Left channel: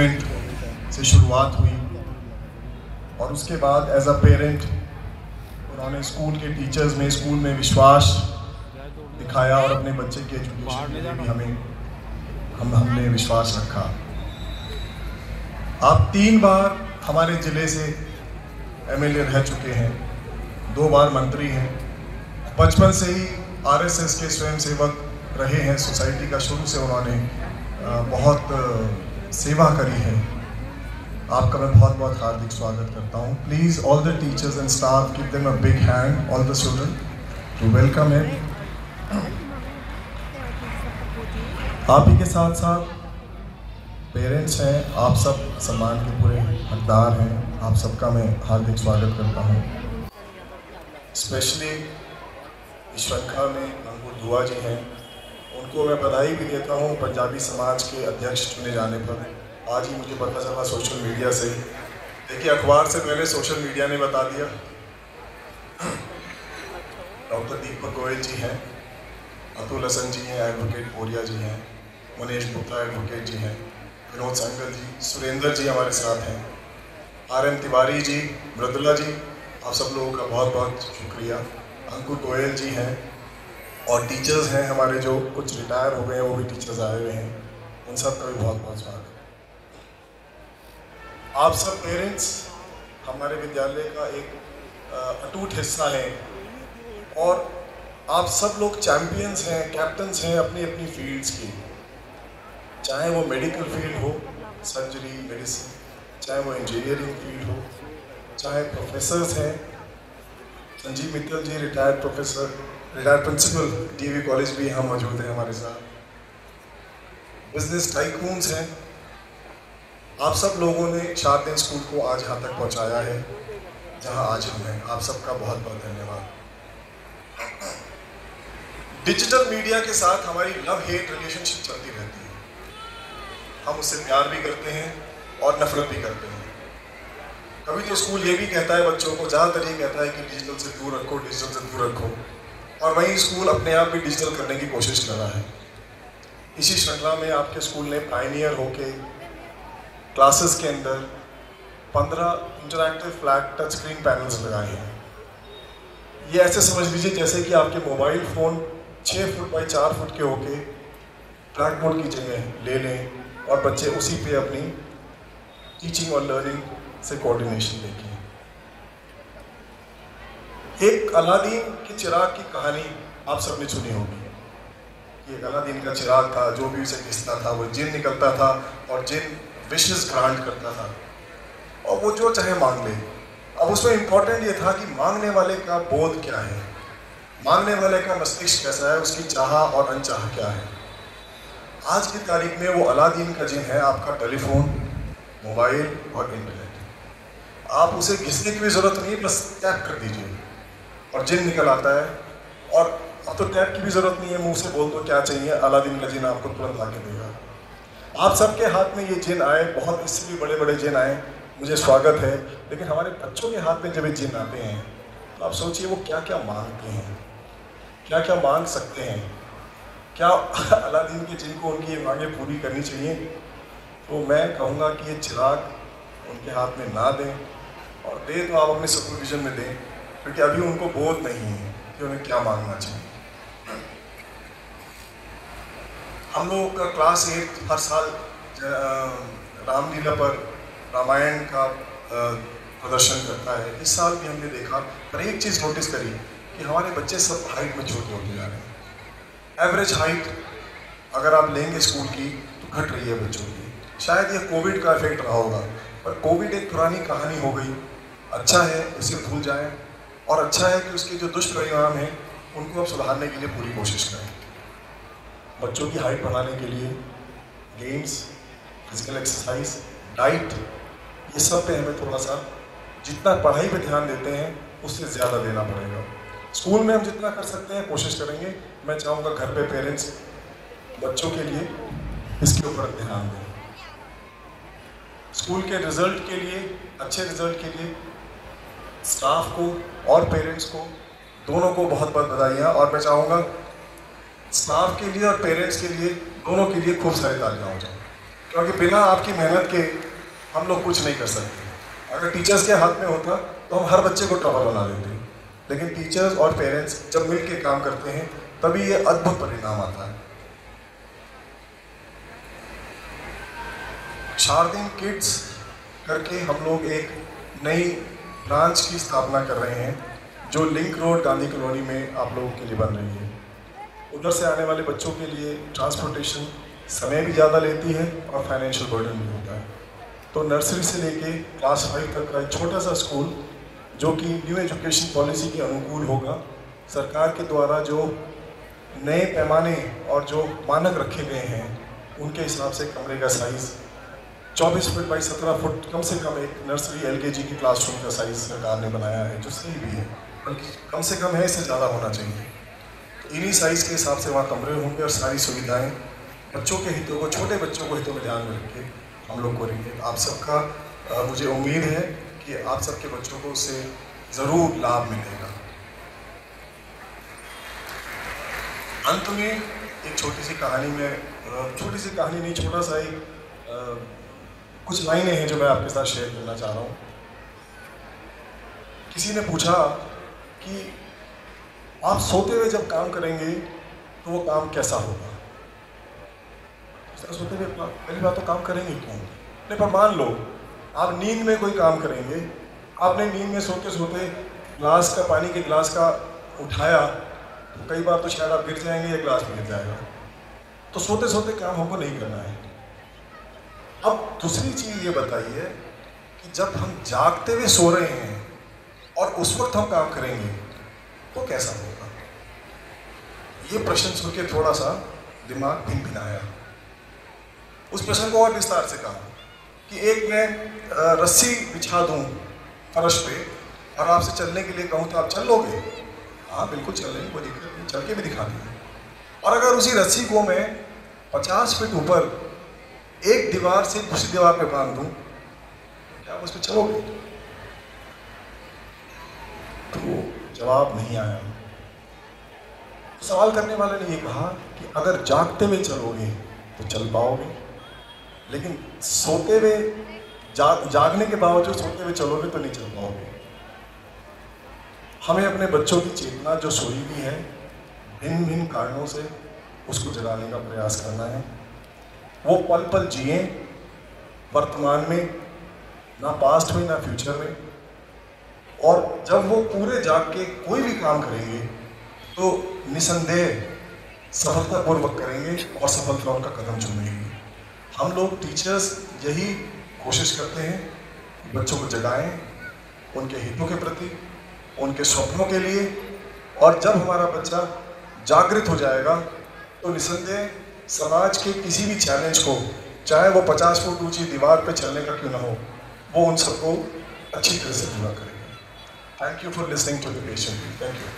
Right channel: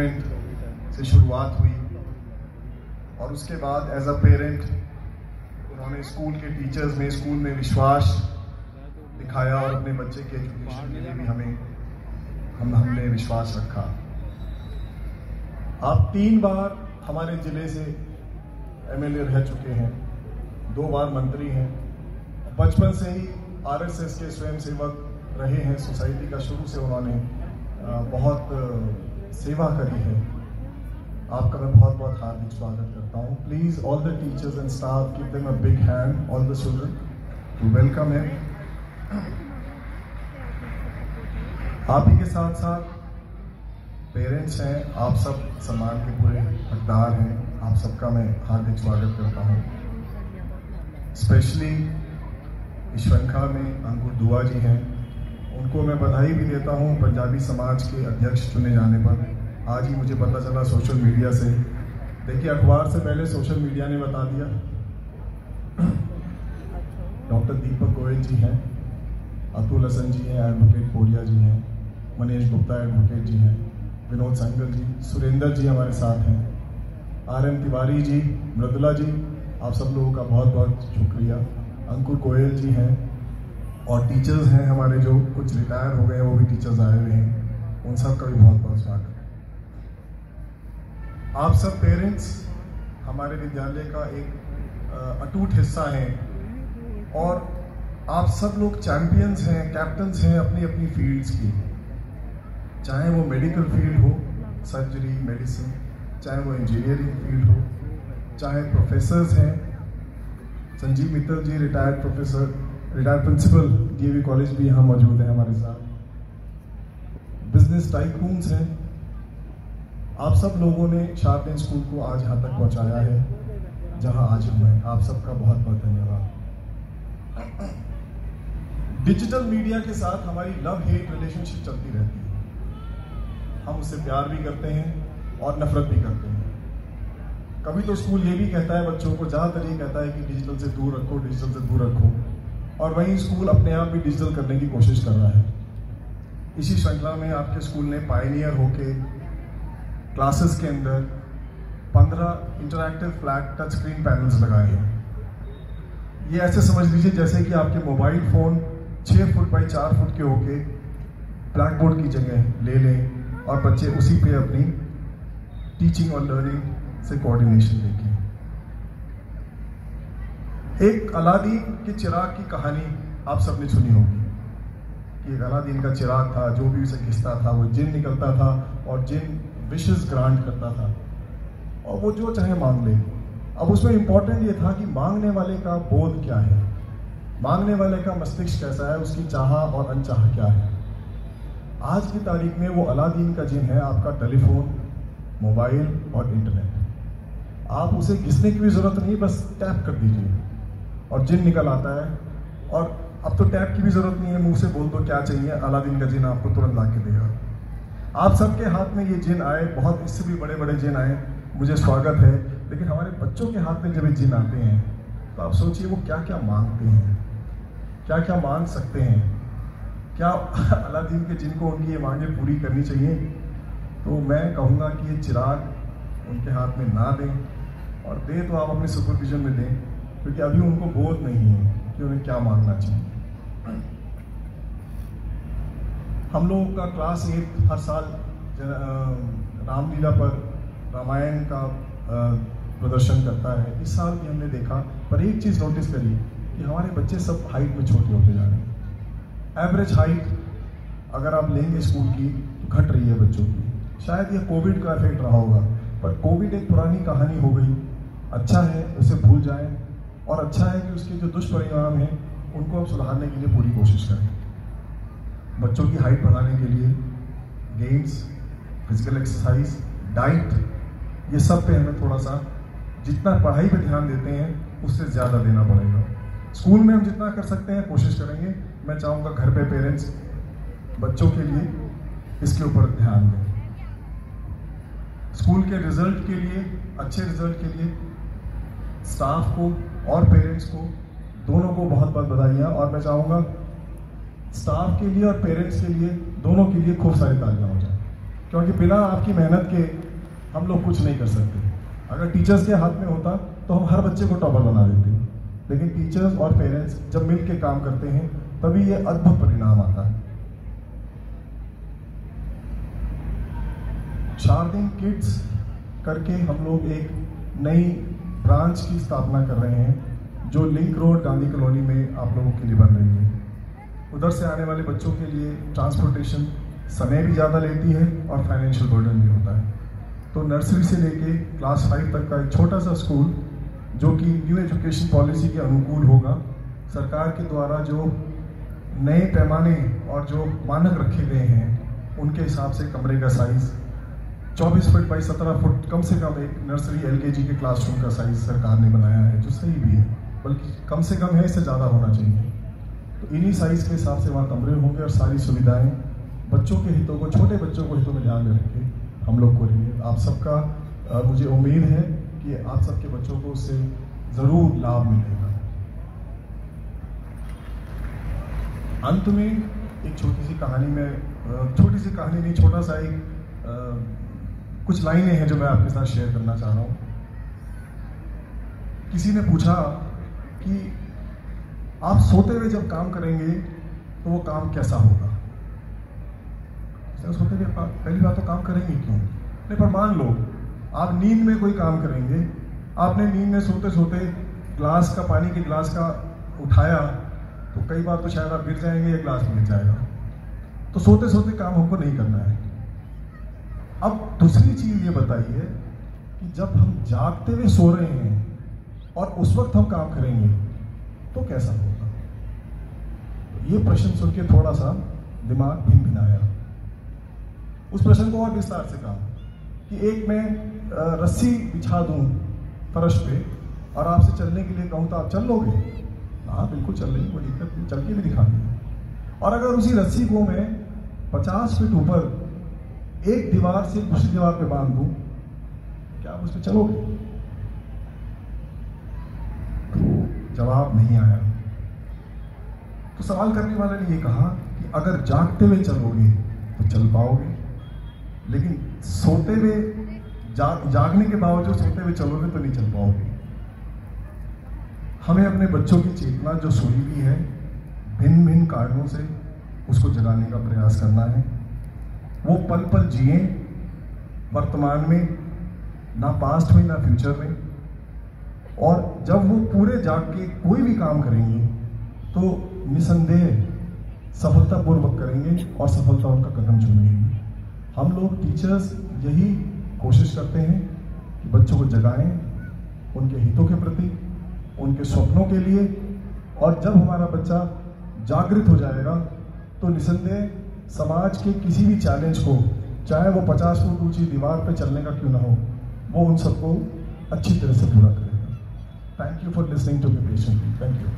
से शुरुआत हुई और उसके बाद एज अ पेरेंट उन्होंने स्कूल के टीचर्स में स्कूल में विश्वास दिखाया और अपने बच्चे के एजुकेशन के लिए भी हमने विश्वास रखा। आप 3 बार हमारे ज़िले से एमएलए रह चुके हैं, 2 बार मंत्री हैं, बचपन से ही आरएसएस के स्वयंसेवक रहे हैं। सोसाइटी का शुरू से उन्होंने बहुत सेवा करी है। आपका मैं बहुत बहुत हार्दिक स्वागत करता हूँ। Please all the teachers and staff give them a big hand, all the student to welcome him. आप ही के साथ साथ पेरेंट्स हैं, आप सब सम्मान के पूरे हकदार हैं। आप सबका मैं हार्दिक स्वागत करता हूँ। स्पेशली इस श्रृंखला में अंकुर दुआ जी हैं, उनको मैं बधाई भी देता हूँ पंजाबी समाज के अध्यक्ष चुने जाने पर। आज ही मुझे पता चला सोशल मीडिया से। देखिए, अखबार से पहले सोशल मीडिया ने बता दिया। डॉक्टर दीपक गोयल जी हैं, अतुल हसन जी हैं, एडवोकेट पोरिया जी हैं, मनीष गुप्ता एडवोकेट जी हैं, विनोद संगल जी, सुरेंद्र जी हमारे साथ हैं, आर.एम. तिवारी जी, मृदुला जी, आप सब लोगों का बहुत बहुत शुक्रिया। अंकुर गोयल जी हैं और टीचर्स हैं हमारे जो कुछ रिटायर हो गए हैं, वो भी टीचर्स आए हुए हैं, उन सब का भी बहुत बहुत स्वागत। आप सब पेरेंट्स हमारे विद्यालय का एक अटूट हिस्सा हैं और आप सब लोग चैंपियंस हैं, कैप्टन्स हैं अपनी अपनी फील्ड्स की। चाहे वो मेडिकल फील्ड हो, सर्जरी, मेडिसिन, चाहे वो इंजीनियरिंग फील्ड हो, चाहे प्रोफेसर्स हैं। Sanjeev Mittal ji retired professor, retired principal DV college भी यहाँ मौजूद है हमारे साथ। बिजनेस टाइकून्स हैं। आप सब लोगों ने शारदेन स्कूल को आज यहाँ तक पहुँचाया है जहाँ आज हम हैं। आप सबका बहुत बहुत धन्यवाद। डिजिटल मीडिया के साथ हमारी लव हेट रिलेशनशिप चलती रहती है। हम उससे प्यार भी करते हैं और नफरत भी करते हैं। कभी तो स्कूल ये भी कहता है बच्चों को, ज़्यादातर ये कहता है कि डिजिटल से दूर रखो, डिजिटल से दूर रखो, और वहीं स्कूल अपने आप भी डिजिटल करने की कोशिश कर रहा है। इसी श्रृंखला में आपके स्कूल ने पायनियर होके क्लासेस के अंदर 15 interactive flat touch screen panels लगाए हैं। ये ऐसे समझ लीजिए जैसे कि आपके mobile phone 6 foot by 4 foot के होके ब्लैक बोर्ड की जगह ले लें और बच्चे उसी पे अपनी टीचिंग और लर्निंग से कोऑर्डिनेशन देखें। एक अलादीन के चिराग की कहानी आप सबने सुनी होगी। ये अलादीन का चिराग था, जो भी उसे घिसता था वो जिन निकलता था और जिन विशेस ग्रांट करता था और वो जो चाहे मांग ले। अब उसमें इम्पोर्टेंट ये था कि मांगने वाले का बोध क्या है, मांगने वाले का मस्तिष्क कैसा है, उसकी चाह और अनचाह क्या है। आज की तारीख में वो अलादीन का जिन है आपका टेलीफोन, मोबाइल और इंटरनेट। आप उसे घिसने की भी ज़रूरत नहीं, बस टैप कर दीजिए और जिन निकल आता है। और अब तो टैप की भी ज़रूरत नहीं है, मुंह से बोल दो क्या चाहिए, अलादीन का जिन आपको तुरंत ला के देगा। आप सबके हाथ में ये जिन आए, बहुत इससे भी बड़े बड़े जिन आए, मुझे स्वागत है। लेकिन हमारे बच्चों के हाथ में जब ये जिन आते हैं तो आप सोचिए वो क्या क्या मांगते हैं, क्या क्या मांग सकते हैं। क्या अलादीन के जिन को उनकी ये मांगें पूरी करनी चाहिए? तो मैं कहूँगा कि ये चिराग उनके हाथ में ना दें, और दे तो आप अपने सुपरविजन में दें, क्योंकि अभी उनको बोध नहीं है कि उन्हें क्या मांगना चाहिए। हम लोगों का क्लास 8 हर साल रामलीला पर रामायण का प्रदर्शन करता है। इस साल भी हमने देखा, पर एक चीज़ नोटिस करी कि हमारे बच्चे सब हाइट में छोटे होते जा रहे हैं। एवरेज हाइट अगर आप लेंगे स्कूल की तो घट रही है बच्चों की। शायद ये कोविड का इफेक्ट रहा होगा, पर कोविड एक पुरानी कहानी हो गई। अच्छा है उसे भूल जाएं, और अच्छा है कि उसके जो दुष्परिणाम हैं उनको अब सुधारने के लिए पूरी कोशिश करें। बच्चों की हाइट बढ़ाने के लिए गेम्स, फिजिकल एक्सरसाइज, डाइट, ये सब पे हमें थोड़ा सा जितना पढ़ाई पे ध्यान देते हैं उससे ज़्यादा देना पड़ेगा। स्कूल में हम जितना कर सकते हैं कोशिश करेंगे। मैं चाहूँगा घर पे पेरेंट्स बच्चों के लिए इसके ऊपर ध्यान दें। स्कूल के रिजल्ट के लिए, अच्छे रिजल्ट के लिए स्टाफ को और पेरेंट्स को दोनों को बहुत बहुत बधाइयाँ। और मैं चाहूँगा स्टाफ के लिए और पेरेंट्स के लिए, दोनों के लिए खूब सारी तालियां हो जाए। क्योंकि बिना आपकी मेहनत के हम लोग कुछ नहीं कर सकते। अगर टीचर्स के हाथ में होता तो हम हर बच्चे को टॉपर बना देते, लेकिन टीचर्स और पेरेंट्स जब मिल के काम करते हैं तभी ये अद्भुत परिणाम आता है। शारदीन किड्स करके हम लोग एक नई ब्रांच की स्थापना कर रहे हैं जो लिंक रोड गांधी कॉलोनी में आप लोगों के लिए बन रही है। उधर से आने वाले बच्चों के लिए ट्रांसपोर्टेशन समय भी ज़्यादा लेती है और फाइनेंशियल बर्डन भी होता है। तो नर्सरी से लेके क्लास 5 तक का एक छोटा सा स्कूल जो कि न्यू एजुकेशन पॉलिसी के अनुकूल होगा, सरकार के द्वारा जो नए पैमाने और जो मानक रखे गए हैं उनके हिसाब से कमरे का साइज़ 24 फुट बाई 17 फुट कम से कम एक नर्सरी LKG की क्लासरूम का साइज़ सरकार ने बनाया है, जो सही भी है, बल्कि कम से कम है, इससे ज़्यादा होना चाहिए। तो इन्हीं साइज़ के हिसाब से वहाँ कमरे होंगे और सारी सुविधाएं बच्चों के हितों को, छोटे बच्चों को हितों में ध्यान में रख के हम लोग करेंगे। आप सबका मुझे उम्मीद है कि आप सबके बच्चों को उससे ज़रूर लाभ मिलेगा। अंत में एक छोटी सी कहानी में, छोटी सी कहानी नहीं, छोटा सा एक कुछ लाइनें हैं जो मैं आपके साथ शेयर करना चाह रहा हूँ। किसी ने पूछा कि आप सोते हुए जब काम करेंगे तो वो काम कैसा होगा। सोते हुए पहली बात तो काम करेंगे क्यों नहीं, पर मान लो आप नींद में कोई काम करेंगे, आपने नींद में सोते सोते ग्लास का, पानी के गिलास का उठाया तो कई बार तो शायद आप गिर जाएंगे या ग्लास में गिर जाएगा। तो सोते सोते काम हमको नहीं करना है। अब दूसरी चीज़ ये बताइए कि जब हम जागते हुए सो रहे हैं और उस वक्त हम काम करेंगे तो कैसा होगा। ये प्रश्न सुन के थोड़ा सा दिमाग भिनभिनाया। उस प्रश्न को और विस्तार से कहा कि एक मैं रस्सी बिछा दूं फर्श पे और आपसे चलने के लिए कहूँ तो आप चल लोगे। हाँ बिल्कुल चल लेंगे, कोई दिक्कत नहीं, चल के भी दिखा देंगे। और अगर उसी रस्सी को मैं 50 फीट ऊपर एक दीवार से दूसरी दीवार पे बांध दूं, क्या उस पर चलोगे। तो जवाब नहीं आया। तो सवाल करने वाले ने ये कहा कि अगर जागते हुए चलोगे तो चल पाओगे, लेकिन सोते हुए जागने के बावजूद सोते हुए चलोगे तो नहीं चल पाओगे। हमें अपने बच्चों की चेतना जो सोई हुई है, भिन्न भिन्न कारणों से उसको जगाने का प्रयास करना है। वो पल पल जिए वर्तमान में, ना पास्ट में ना फ्यूचर में। और जब वो पूरे जाग के कोई भी काम करेंगे तो निसंदेह सफलतापूर्वक करेंगे और सफलता उनका कदम चूमेगी। हम लोग टीचर्स यही कोशिश करते हैं कि बच्चों को जगाएं उनके हितों के प्रति, उनके स्वप्नों के लिए। और जब हमारा बच्चा जागृत हो जाएगा तो निसंदेह समाज के किसी भी चैलेंज को, चाहे वो 50 फुट ऊंची दीवार पे चलने का क्यों ना हो, वो उन सबको अच्छी तरह से पूरा करेगा। Thank you for listening to the patient. Thank you.